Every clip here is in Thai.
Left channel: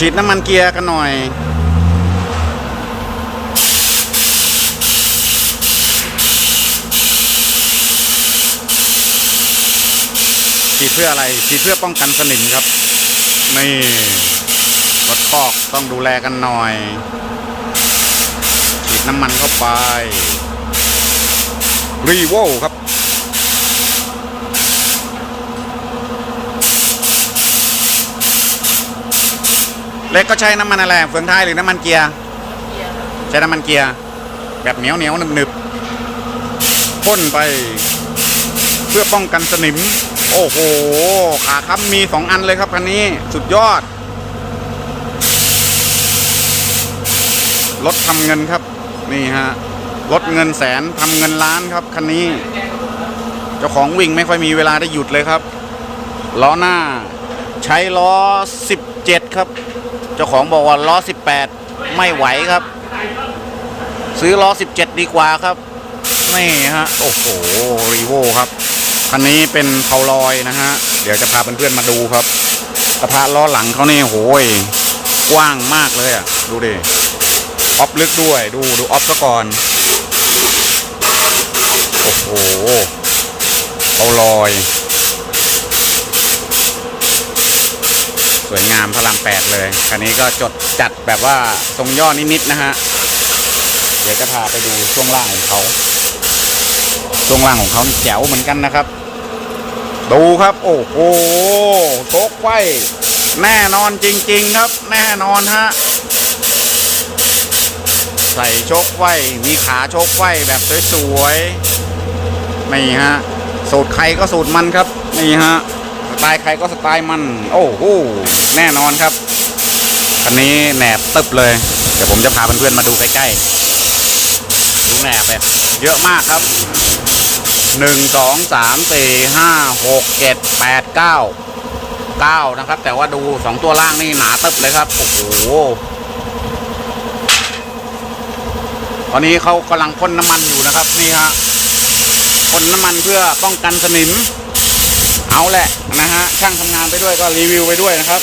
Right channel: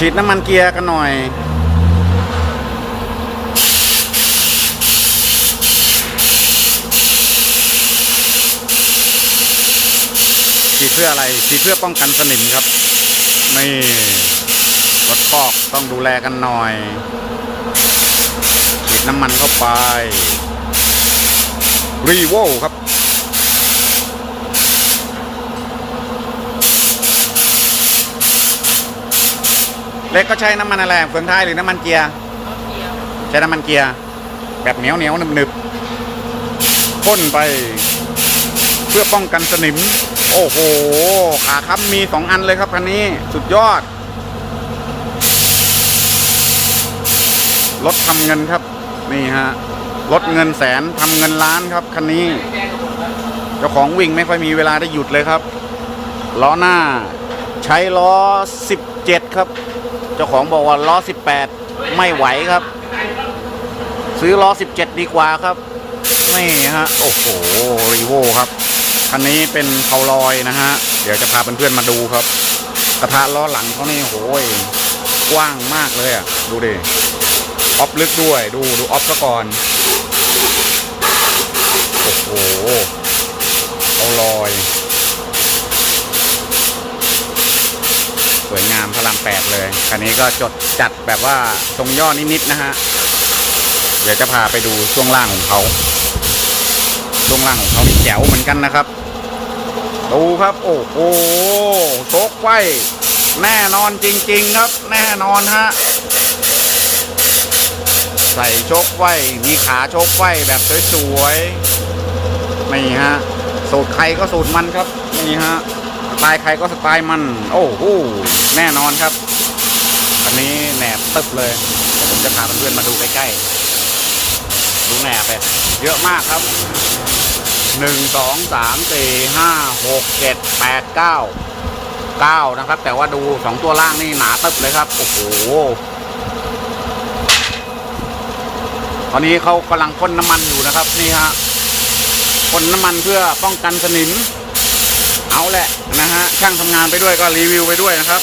ฉีดน้ำมันเกียร์กันหน่อย ฉีดเพื่ออะไร ฉีดเพื่อป้องกันสนิมครับ นี่รถคอกต้องดูแลกันหน่อย ฉีดน้ำมันเข้าไป รีโวครับ เล็กก็ใช้น้ำมันอะไรเฟืองท้ายหรือน้ำมันเกียร์ใช้น้ำมันเกียร์แบบเหนียวเหนียวหนึบหนึบพ่นไป เพื่อป้องกันสนิม โอ้โหขาค้ำมีสองอันเลยครับคันนี้สุดยอดรถทำเงินครับ นี่ฮะรถเงินแสนทำเงินล้านครับคันนี้ เจ้าของวิ่งไม่ค่อยมีเวลาได้หยุดเลยครับล้อหน้าใช้ล้อ 17 ครับ เจ้าของบอกว่าล้อ 18 ไม่ไหวครับ ซื้อล้อ 17 ดีกว่าครับ นี่ฮะ โอ้โห รีโวครับคันนี้เป็นเพาลอยนะฮะ เดี๋ยวจะพาเพื่อนๆมาดูครับ กระทะล้อหลังเขานี่โหยกว้างมากเลยอะ ดูดิ ออฟลึกด้วย ดูดูออฟซะก่อน โอ้โหเพาลอย สวยงามพระรามแปดเลย คันนี้ก็จดจัดแบบว่าทรงย่อนิดๆนะฮะ เดี๋ยวจะพาไปดูช่วงล่างของเขา ช่วงล่างของเขานี่แจ๋วเหมือนกันนะครับ ดูครับ โอ้โหโชกไฟแน่นอนจริง ๆ ครับ แน่นอนฮะ ใส่โชกไฟมีขาโชกไฟแบบสวยๆ นี่ฮะ สูตรใครก็สูตรมันครับ นี่ฮะ ไตล์ใครก็สไตล์มัน โอ้โหแน่นอนครับอันนี้แหนบตึบเลยเดี๋ยวผมจะพาเพื่อนๆมาดูใกล้ๆดูแหนบเลยเยอะมากครับหนึ่งสองสามสี่ห้าหกเจ็ดแปดเก้าเก้านะครับ แต่ว่าดูสองตัวล่างนี่หนาตึบเลยครับ โอ้โหตอนนี้เขากำลังพ่นน้ำมันอยู่นะครับ นี่ฮะพ่นน้ำมันเพื่อป้องกันสนิม เอาแหละนะฮะช่างทำงานไปด้วยก็รีวิวไปด้วยนะครับ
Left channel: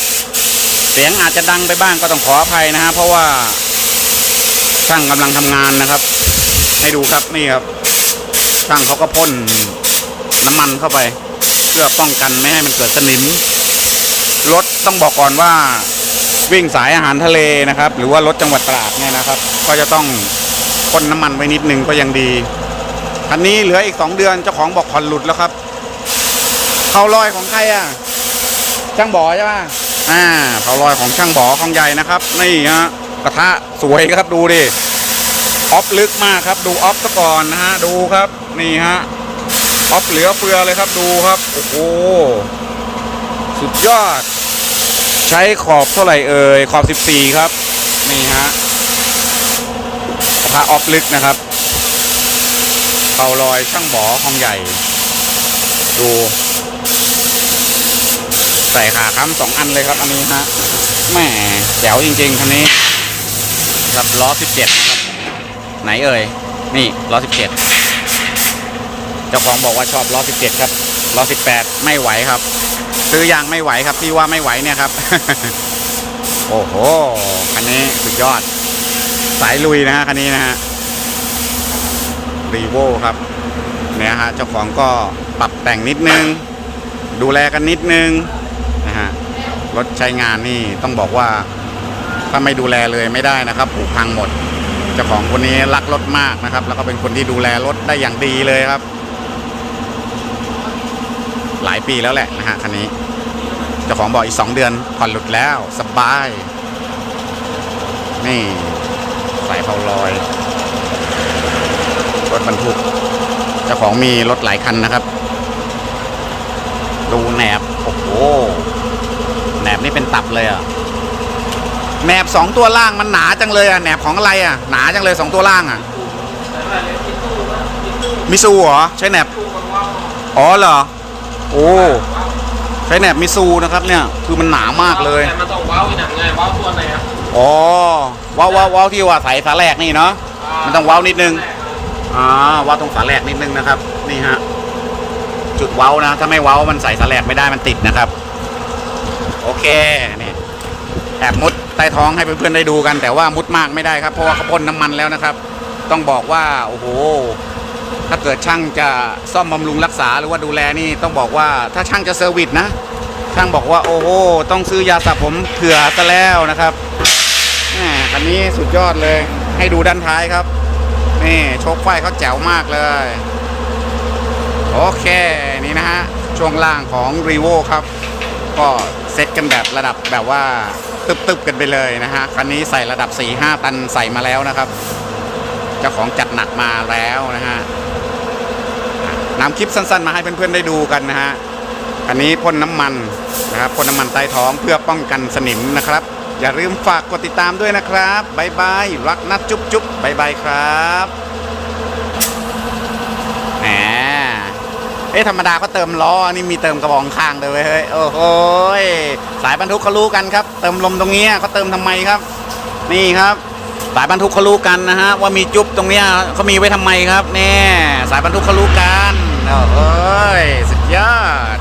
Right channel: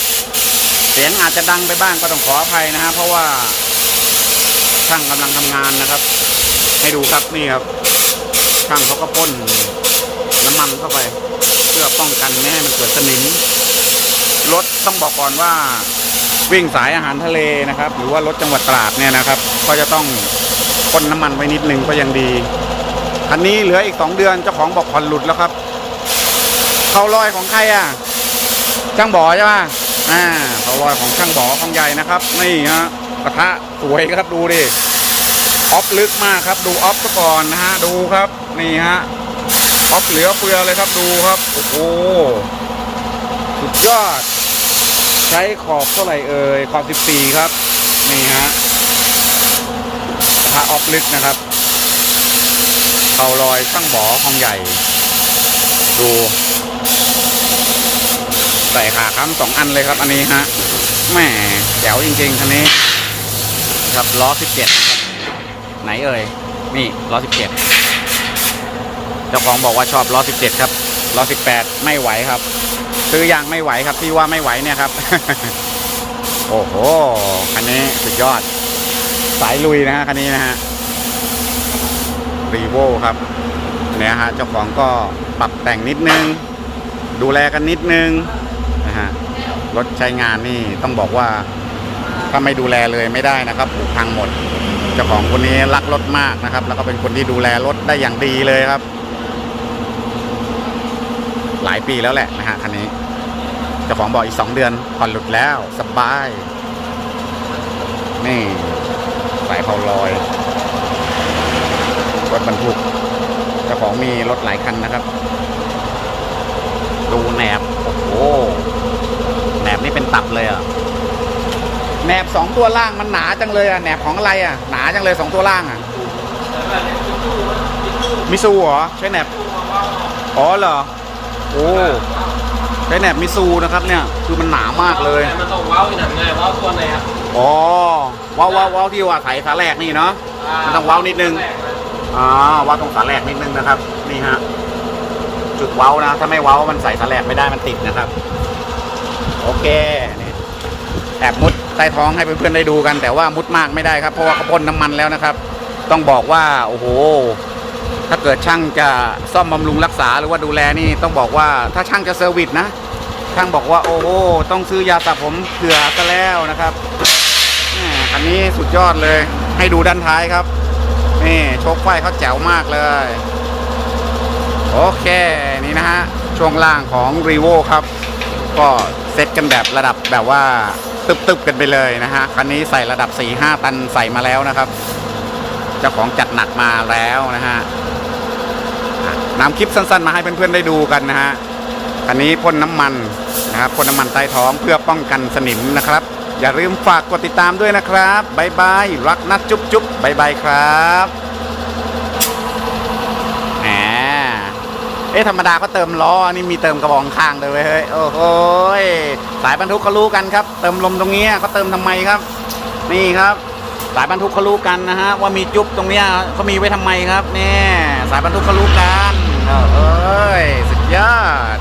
เสียงอาจจะดังไปบ้างก็ต้องขออภัยนะฮะเพราะว่าช่างกำลังทำงานนะครับ ให้ดูครับนี่ครับ ช่างเขาก็พ่นน้ำมันเข้าไป เพื่อป้องกันไม่ให้มันเกิดสนิมรถต้องบอกก่อนว่าวิ่งสายอาหารทะเลนะครับ หรือว่ารถจังหวัดตราดเนี่ยนะครับ ก็จะต้องพ่นน้ำมันไว้นิดนึงก็ยังดีคันนี้เหลืออีกสองเดือนเจ้าของบอกผ่อนหลุดแล้วครับ เขาลอยของใครอะ ช่างบ่อใช่ป่ะอ่าเขาลอยของช่างบ่อของใหญ่นะครับ นี่ฮะกระทะสวยครับดูดิออฟลึกมากครับ ดูออฟซะก่อนนะฮะดูครับ นี่ฮะออฟเหลือเฟือเลยครับดูครับ โอ้โหสุดยอด ใช้ขอบเท่าไหร่เอ่ยขอบ 14 ครับ นี่ฮะกระทะออฟลึกนะครับเขาลอยช่างบ่อของใหญ่ ดู ใส่ขาค้ำสองอันเลยครับ อันนี้ฮะแหม่แจ๋วจริงๆคันนี้ครับล้อ17นะครับ ไหนเอ่ยนี่ล้อ17เจ็ดเจ้าของบอกว่าชอบล้อ17ครับล้อ18ไม่ไหวครับ ซื้อยางไม่ไหวครับ ที่ว่าไม่ไหวเนี่ยครับ โอ้โหคันนี้สุดยอด สายลุยนะฮะคันนี้นะฮะรีโวครับเนี่ยฮะเจ้าของก็ปรับแต่งนิดนึง ดูแลกันนิดนึง นะฮะรถใช้งานนี่ต้องบอกว่าถ้าไม่ดูแลเลยไม่ได้นะครับผุพังหมดเจ้าของคนนี้รักรถมากนะครับ แล้วก็เป็นคนที่ดูแลรถได้อย่างดีเลยครับ หลายปีแล้วแหละนะฮะคันนี้เจ้าของบอกอีกสองเดือนผ่อนหลุดแล้วสบาย นี่สายเผาลอย รถบรรทุกเจ้าของมีรถหลายคันนะครับ ดูแหนบโอ้โหแห นบนี่เป็นตับเลยอะแหนบสองตัวล่างมันหนาจังเลยอะแหนบของอะไรอะหนาจังเลยสองตัวล่างอะมิซูเหรอใช้แหนบอ๋อเหรอโอ้ใช้แหนบมิซูนะครับเนี่ยคือมันหนามากเลยมันต้องว้าวอีกหนังไงว้าวตัวไหนครับอ๋อว้าวว้าวว้าวที่ว่าใส่ฝาแรกนี่เนาะมันต้องว้าวนิดนึงอ่าว้าวตรงฝาแรกนิดนึงนะครับ นี่ฮะจุดเว้านะ ถ้าไม่เว้ามันใส่ฝาแรกไม่ได้มันติดนะครับ โอเคนี่แอบมุดใต้ท้องให้เพื่อนๆได้ดูกัน แต่ว่ามุดมากไม่ได้ครับ เพราะว่าเขาพ่นน้ำมันแล้วนะครับ ต้องบอกว่าโอ้โห ถ้าเกิดช่างจะซ่อมบำรุงรักษาหรือว่าดูแลนี่ต้องบอกว่าถ้าช่างจะเซอร์วิสนะช่างบอกว่าโอ้โหต้องซื้อยาสระผมเผื่อซะแล้วนะครับแหมคันนี้สุดยอดเลยให้ดูด้านท้ายครับนี่โชคไฟเขาแจ๋วมากเลย โอเค นี่นะฮะ ช่วงล่างของ r ีโวครับ ก็เซตกันแบบระดับแบบว่าตึบๆกันไปเลยนะฮะ คันนี้ใส่ระดับ 4-5 ตันใส่มาแล้วนะครับ เจ้าของจัดหนักมาแล้วนะฮะนำคลิปสั้นๆ มาให้เพื่อนๆได้ดูกันนะฮะอันนี้พ่นน้ำมันนะครับพ่นน้ำมันใต้ท้องเพื่อป้องกันสนิมนะครับ อย่าลืมฝากกดติดตามด้วยนะครับบายบายรักนัดจุ๊บจุ๊บบายบายครับแหม เอ๊ะธรรมดาก็เติมล้ออันนี่มีเติมกระบอกข้างเลยเว้ยเฮ้ยโอ้โหยสายบรรทุกเขารู้กันครับ เติมลมตรงนี้เขาเติมทำไมครับ นี่ครับสายบรรทุกเขารู้กันนะฮะว่ามีจุ๊บตรงนี้เขามีไว้ทำไมครับแนี่สายบรรทุกเขารู้กันโอ้โหยสุดยอด